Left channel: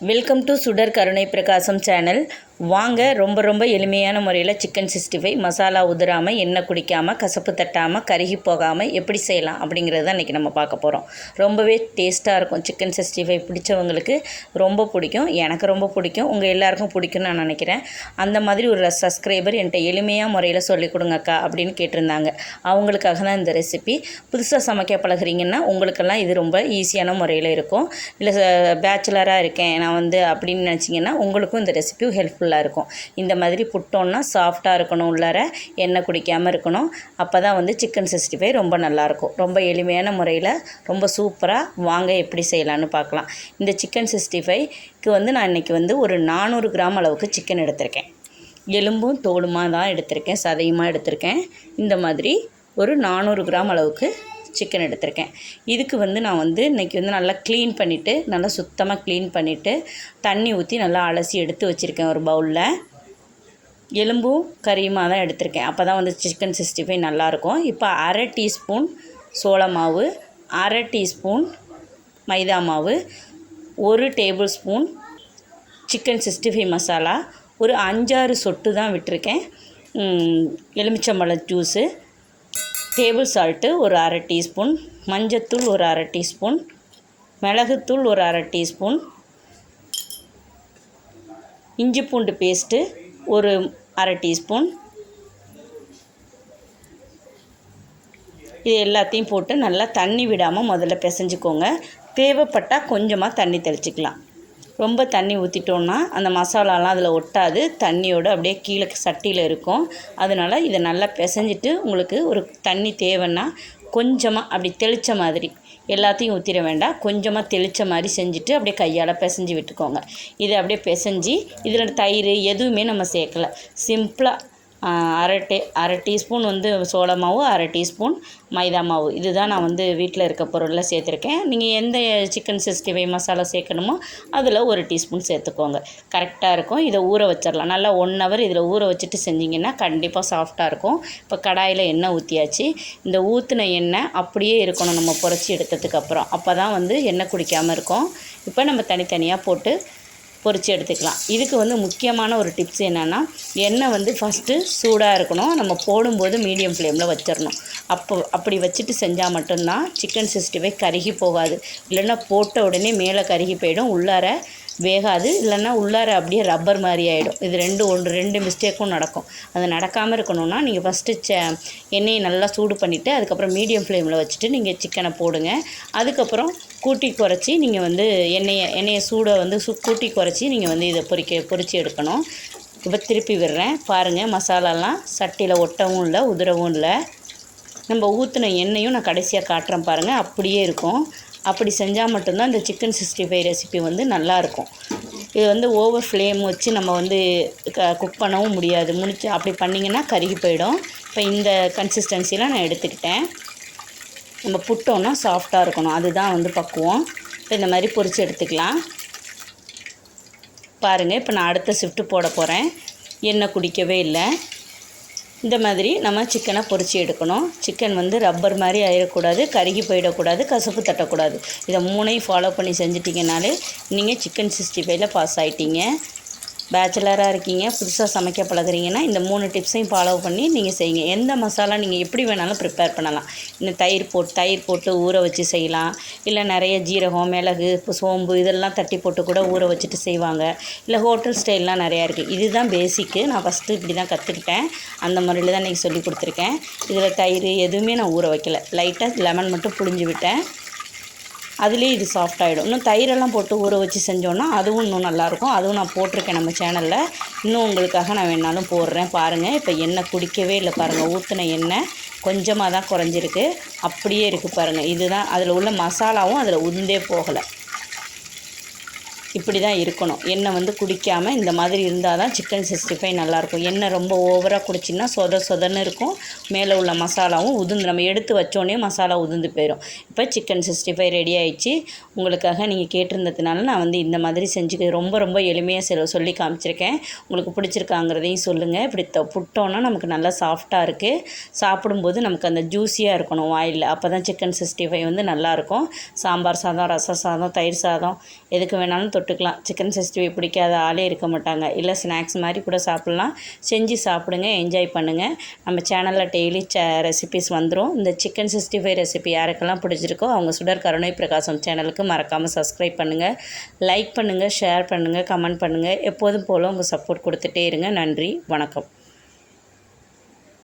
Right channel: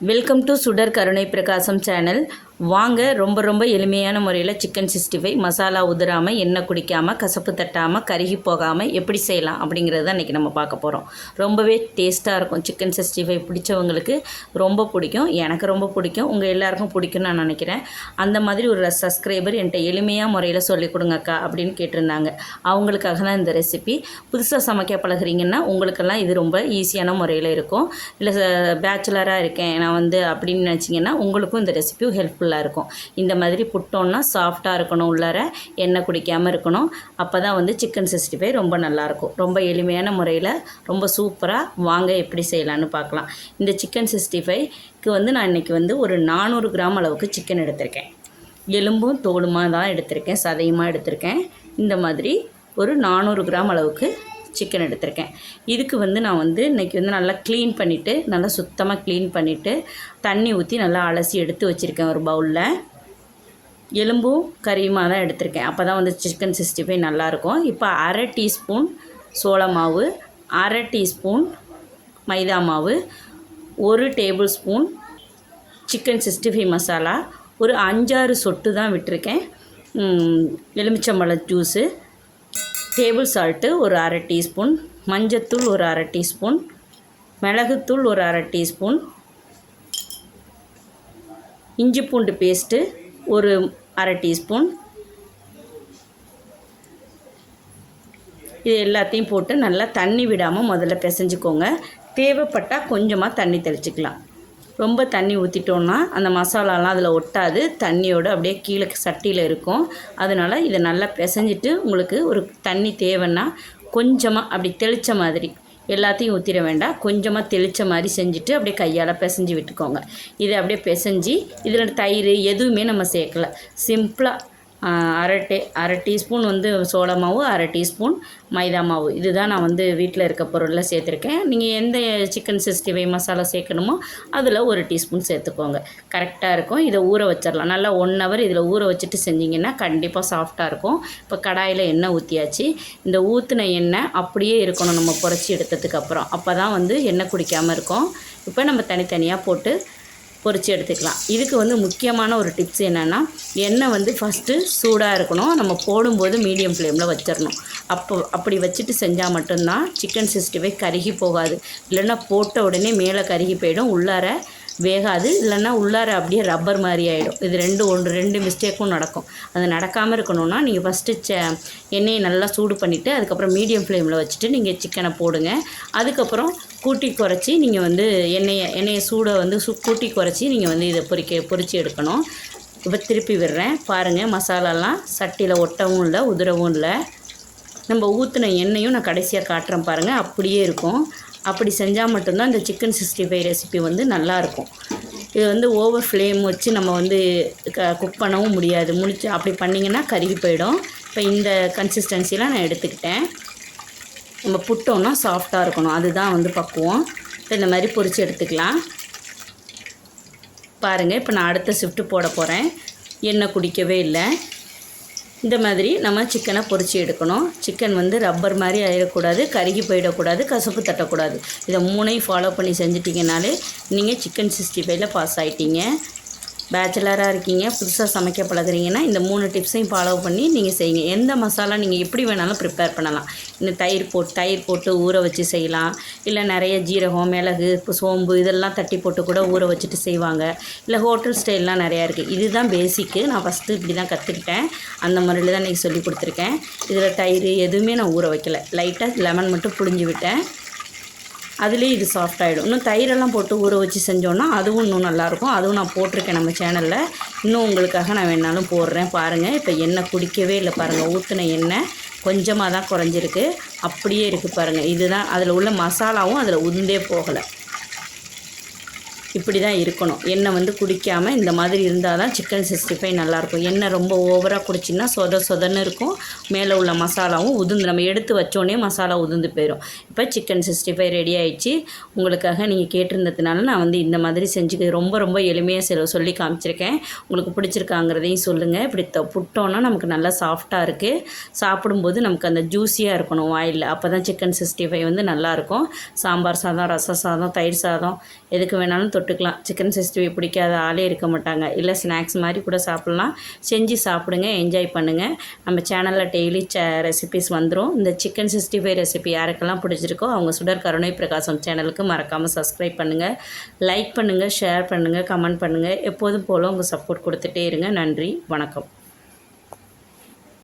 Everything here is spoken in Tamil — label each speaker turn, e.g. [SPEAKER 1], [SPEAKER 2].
[SPEAKER 1] வெல்கம் டு சுடர் கருணை பிரகாசம் சேனல் வாங்க ரொம்ப ரொம்ப எளிமையான முறையில் சிக்கன் சிக்ஸ்டி ஃபைவ் மசாலா உதிராமல் எண்ணெய் குடிக்காமல் கசப்பு தட்டாமல் கருகி போகாமல் எப்படி செய்யலாம் அப்படிங்கிறது தான் இன்றைக்கி நம்ம பார்க்க போகிறோம் ரொம்பவே டேஸ்ட்டாக இருக்கும் சிக்கன் சிக்ஸ்டி ஃபைவ் பிடிச்சவங்களுக்கு ரொம்ப பிடிக்கும் எனக்கு ரொம்ப பிடிக்கும் உங்கள் எல்லாருக்கும் பிடிக்கும்னு நான் நினைக்கிறேன். அந்த மாதிரி ஒரு சப்ஸ்கிரைபர் என்கிட்ட எளிமையாக முறையில் சொல்லிக் கொடுங்கக்கா அப்படின்னு கேட்டிருந்தாங்க. அவங்களுக்காக தான் இந்த ரெசிபி புதுசாக சமைக்க பழகிறீங்கன்னா உங்களுக்கெல்லாம் இது ரொம்ப ஈஸியான முறையில் இருக்கும். இல்லை பேச்சுலராக இருக்கேன் நான் வந்து அப்படின்னு நினச்சிங்கன்னா உங்களுக்கும் இந்த ரெசிபியும் ஹெல்ப்ஃபுல்லாக இருக்கும். இந்த மாதிரி புட்டோன்னா சாஃப்டாக இருக்கணும் உள்ளார எண்ணெய் குடிக்காமல் இருக்கணும். அப்போ தான் வந்து சிக்கன் சிக்ஸ்டி ஃபைவ் ரொம்ப நல்லாயிருக்கும் ரொம்ப எளிமையான முறையில் ரொம்ப சூப்பராக வாங்க எப்படி செய்யலான்னு பார்க்கலாம். இந்த சிக்கன் சிக்ஸ்டி ஃபைவ்க்கு வந்து நான் இன்றைக்கி வந்து ஒரு நானூறு கிராம் அளவுக்கு சிக்கன் எடுத்திருக்கேன். எலும்பும் தோலுமாக தான் எடுத்திருக்கேன். சதையுமாக எடுத்திருக்கேன். இந்த மாதிரி ஒரு நானூறு கிராம் அளவுக்கு சிக்கன் எடுத்திருக்கேன். இதுக்கு வந்து நான் வந்து இன்றைக்கி வந்து நல்லா க்ளீன் பண்ணிவிட்டு நல்லா சுத்தமாக க்ளீன் பண்ணிவிட்டு தண்ணி ஊற்றி நல்லா அலசி எடுத்து வச்சுருக்கேன் ஒரு பவுலில் எலும்பும் கறியுமா தான் எடுத்திருக்கேன். அப்போ தான் வந்து சிக்கன் சிக்ஸ்டி ஃபைவ் நல்லாயிருக்கும். இப்போ அரை டீஸ்பூன் சோள மாவு அரை டீஸ்பூன் மைதா மாவு ஒரு tablespoon chicken sixty five masala ஒரு அஞ்சாறு சொட்டு தான் விட்டிருக்கேன். எலுமிச்சம்பழ எலுமிச்சம்பழம் ஜூஸு டேபிள் சால்ட்டு ஒரு அரை டீஸ்பூன் மஞ்சத்தூள் ஒரு அரை டீஸ்பூன் மிளகுத்தூள் ஒரு அரை டீஸ்பூன் இஞ்சி பூண்டு பேஸ்ட்டு ஒரு அரை டீஸ்பூன். இது எல்லாத்தையும் போட்டு நல்லா தண்ணி விடாமல் முதல்ல பிசைஞ்சிக்கோங்க. தேவைப்பட்டால் கொஞ்சமாக தண்ணி தெளிச்சிக்கலாம். ரொம்ப தண்ணி ஊற்றிட்டோன்னா அந்த மசாலாலாம் அதில் ஒட்டாது. தண்ணியோடு அப்படியே கீழே சட்டியில் இருக்கும். அதனால் இதை நல்லா பிசைஞ்சிட்டு உங்களுக்கு ஒரு தண்ணி தேவைன்னா கொஞ்சமாக அப்படி தெளித்த மாதிரி எல்லாத்தையும் ஊற்றிட வேண்டாம். கொஞ்சமாக தெளித்த மாதிரி செஞ்சுட்டு அப்படியே கையால் பிசைஞ்சு விட்டுக்கோங்க. இதை அப்படியே பிசைஞ்சு இதில் தயிர் எதுவுமே நம்ம சேர்க்கல. சிம்பிளாக அரை டே அரை டீஸ்பூன் வந்து சோள மாவு அரை டீஸ்பூன் மைதா மாவு. இதுதான் நான் வந்து வீட்டில் இருக்க பொருளில் சேர்த்துருக்கேன். நீங்கள் எந்த சிக்கன் சிக்ஸ்டி ஃபைவ் மசாலா சேர்க்கணுமோ அதில் ஒரு டீஸ்பூன் சேர்த்துக்கோங்க. கரெக்டாக இருக்கும். இதை ஊற வச்சிடலாம். நல்லா ஒன் ஹவர் இதில் ஊற வச்சுட்டு செஞ்சிங்கன்னா கண்டிப்பாக சாஃப்டாக இருக்கும். இப்போ கடாயில் எண்ணெய் ஊற்றியாச்சு இந்த ஊற்றின எண்ணெய் அப்படியே இருக்கணும். நம்ம புடச்சி எடுத்ததுக்கப்புறம் அப்போ தான் வந்து எண்ணெய் குடிக்காமல் இருக்கும். இப்போ நம்ம தனித்தனியாக போட்டு பொறிச்சு எடுத்துக்கலாம். இதுக்கு வந்து முக்கியமான ஒரு டிப்ஸ் என்னென்னா எண்ணெய் வந்து ஃபஸ்ட்டு சூடாக இருக்கணும். நம்ம போடும்போது மீடியம் ஃப்ளேமில் வச்சிடணும் அப்போ அப்படி வச்சுட்டு செஞ்சால் மட்டும்தான் சிக்கன் சிக்ஸ்டி ஃபைவ் கருகி போகாது. இல்லைன்னா போட்ட உடனே மேலே கருகி போயிடும். உள்ளார வேகாது இல்லைன்னா உள்ளார அப்படியே ரப்பர் மாதிரி ஆகிடும் இது ரெண்டு ஒன்று ரெண்டு மிஸ்டேக்கும் நடக்கும். அது நடக்காமல் இருக்கணும்னா நீங்கள் ஃபஸ்ட்டு ச எண்ணெயை நல்லா சூடு பண்ணிவிட்டு அதுக்கப்புறம் மீடியம் ஃப்ளேமில் வச்சுட்டு நீங்கள் சிக்கனை போடுங்க. அதுக்கப்புறம் கூட்டி குறைச்சி நீங்கள் வந்து எண்ணெயை எண்ணெயை சூடை வந்து சு கூட்டி குறைச்சி நீங்கள் வந்து இதை பொறிக்க பொறிச்சு எடுக்கணும். இப்போ திருப்பி விடுறேன். பாருங்கள் மசாலாலாம் சட்டியில் ஒட்டவும் இல்லை உதிரவும் இல்லை. நம்ம ஊற்றின எண்ணெயும் நான் கடைசியாக காட்டுறேன் பாருங்கள் அப்படியே இருக்கும். அப்படி செஞ்சால் மட்டும்தான் இந்த சிக்கன் சிக்ஸ்டி ஃபைவ் ரெசிபி வந்து நல்லாயிருக்கும். இது வந்து ஓவர் ஃப்ளேம் வச்சு நம்ம வந்து குக் பண்ணவும் முடியாது. முடிச்சு அப்படி பண்ணிங்கன்னா கருகி போயிடும். இப்போ இந்த கன்சிஸ்டன்சிலாம் நான் எடுத்துக்கிட்டேன். நம்ம புட்டோன்னா சாஃப்டாக இருக்கணும். அதுதான் வந்து பக்குவம். இப்போ இந்த மாதிரி பொரித்து எடுத்துக்கலாம். பாருங்கள் இப்போ நான் அடுத்த ஷிஃப்ட்டு போட போகிறேன் எண்ணெய் குடிக்கவே இல்லை. இந்த மாதிரி நம்ம சிக்கனை பொரிச்சு எடுக்கணும். சிக்கன் வந்து ரப்பர் மாதிரி ஆயிடக்கூடாது கருகி போயிடக்கூடாது கசப்பு தட்டக்கூடாது. இதை மூணையும் ஃபாலோ பண்ணி செஞ்சிட்டிங்கனாலே நீங்கள் சிக்கன் சிக்ஸ்டி ஃபைவ்ல பாஸ் ஆகிட்டீங்க பேச்சுலராக இருக்கீங்க புதுசாக சமைக்க பழகிறீங்கன்னா இந்த மூணு டிப்ஸையும் ஃபாலோ பண்ணி நீங்கள் செய்யுங்க. எந்த மசாலா நீங்கள் எப்படி வேணாலும் ப்ரிப்பேர் பண்ணலாம். இன்னும் தயிர் போட்டு தயிர் போட்டு ஊற வச்சு செய்யலாம். இல்லை நிறைய ஜீரகம் மிளகு சோம்பு இதெல்லாம் தட்டி போட்டு கூட ஊற வச்சுட்டு செய்வாங்க. இல்லை ஹோட்டல் ஸ்டைல்லாம் நிறையா இருக்குது இதுதான் பேசிக்கு நான் ஃபஸ்ட்டு இப்படி தான் கற்றுக்கிட்டேன் அந்த முறையில் தான் இன்றைக்கி சொல்லி கொடுத்துருக்கேன். இதில் தயிர் எதுவுமே நான் ஊற வைக்கல. லைட்டாக லெமன் மட்டும் புழிஞ்சு விட்டேன். அதுலேயே இது சாஃப்ட் ஆகிடும் இன்னும் தயிரெல்லாம் போட்டு ஊற வச்சு செஞ்சோன்னா அதுவும் இன்னும் நல்லாயிருக்கும். அதுவும் நான் போட்டிருக்கேன் நம்ம சேனலில் இன்னும் உங்களுக்காக நான் வேணாலும் போடுறேன். பாருங்கள் இப்போ எண்ணெய் குடிக்கவே இல்லை பாருங்கள் ஊற்றின எண்ணெய் கொஞ்சமாக தான் குறைஞ்சிருக்கு. அப்படியே இருக்குது பாருங்கள் இதுதான் அதில் உள்ள மசாலாவும் அதில் உதிர்ந்தே போகலை. இப்படி தான் இருக்கணும். எண்ணெய் வந்து குடிக்காமல் இந்த மாதிரி இருந்தால் தான் சிக்கன் சிக்ஸ்டி ஃபைவ் நல்லாயிருக்கும். எண்ணெய் ரொம்ப ஓவராக குடிச்சின்னா சொத சொதன்னு இருக்கும். மேலே உள்ள மசாலாவும் உதுந்து நம்ம எடுத்து வச்சோடனே மசாலா உதுந்து போயிடும் இப்போ சிக்கன் சிக்ஸ்டி ஃபைவ் ரெடி ஆயிடுச்சு. உங்களுக்காக நீங்கள் கேட்டிருந்ததுனால நான் வந்து இந்த மாதிரி செஞ்சு ரொம்ப ரொம்ப எளிமையாக செல சொல்லி காமிச்சிருக்கேன். உங்களுக்கு பிடிச்சிருக்காங்கிறதையும் சொல்லுங்கள் இப்படி த புட்டோன்னா நமக்கு நல்லா சாஃப்டாக இருக்குது சாப்பிடும்போது நமக்கு அந்த ஜூஸியாக இருக்கணும் வாயில் அப்போ தான் சிக்கன் சிக்ஸ்டி ஃபைவ் வந்து நல்லாயிருக்கும். சாம்பார் சாதம் ரசம் சாதம் தயிர் சாதம் எதுக்கு வேணாலும் தொட்டு தொட்டுக்கலாம் சிக்கன் சிக்ஸ்டி பிடிக்காத ஆளே இருக்க மாட்டாங்க. இல்லை ஸ்நாக்ஸ் மாதிரி கூட சாப்பிட்லாம். செஞ்சு சாப்பிடுங்க என்ஜாய் பண்ணுங்கள் நம்ம சேனலில் டெய்லி ச ரெசிபிஸ் வந்துடும் இந்த சிக்கன் சிக்ஸ்டி ஃபைவ் ரெசிபி யாருக்கெல்லாம் பிடிச்சிருக்கோ அவங்க சுடர் கருணை பிரகாசம் சேனலுக்கு மறக்காமல் சப்ஸ்கிரைப் பண்ணுங்கள் லைக் பண்ணுங்கள் ஷேர் பண்ணுங்கள் கமெண்ட் பண்ணுங்கள் எப்போதும் போல் உங்கள் சப்போர்ட் கொடுத்துட்டே இருங்க. நன்றி வணக்கம்.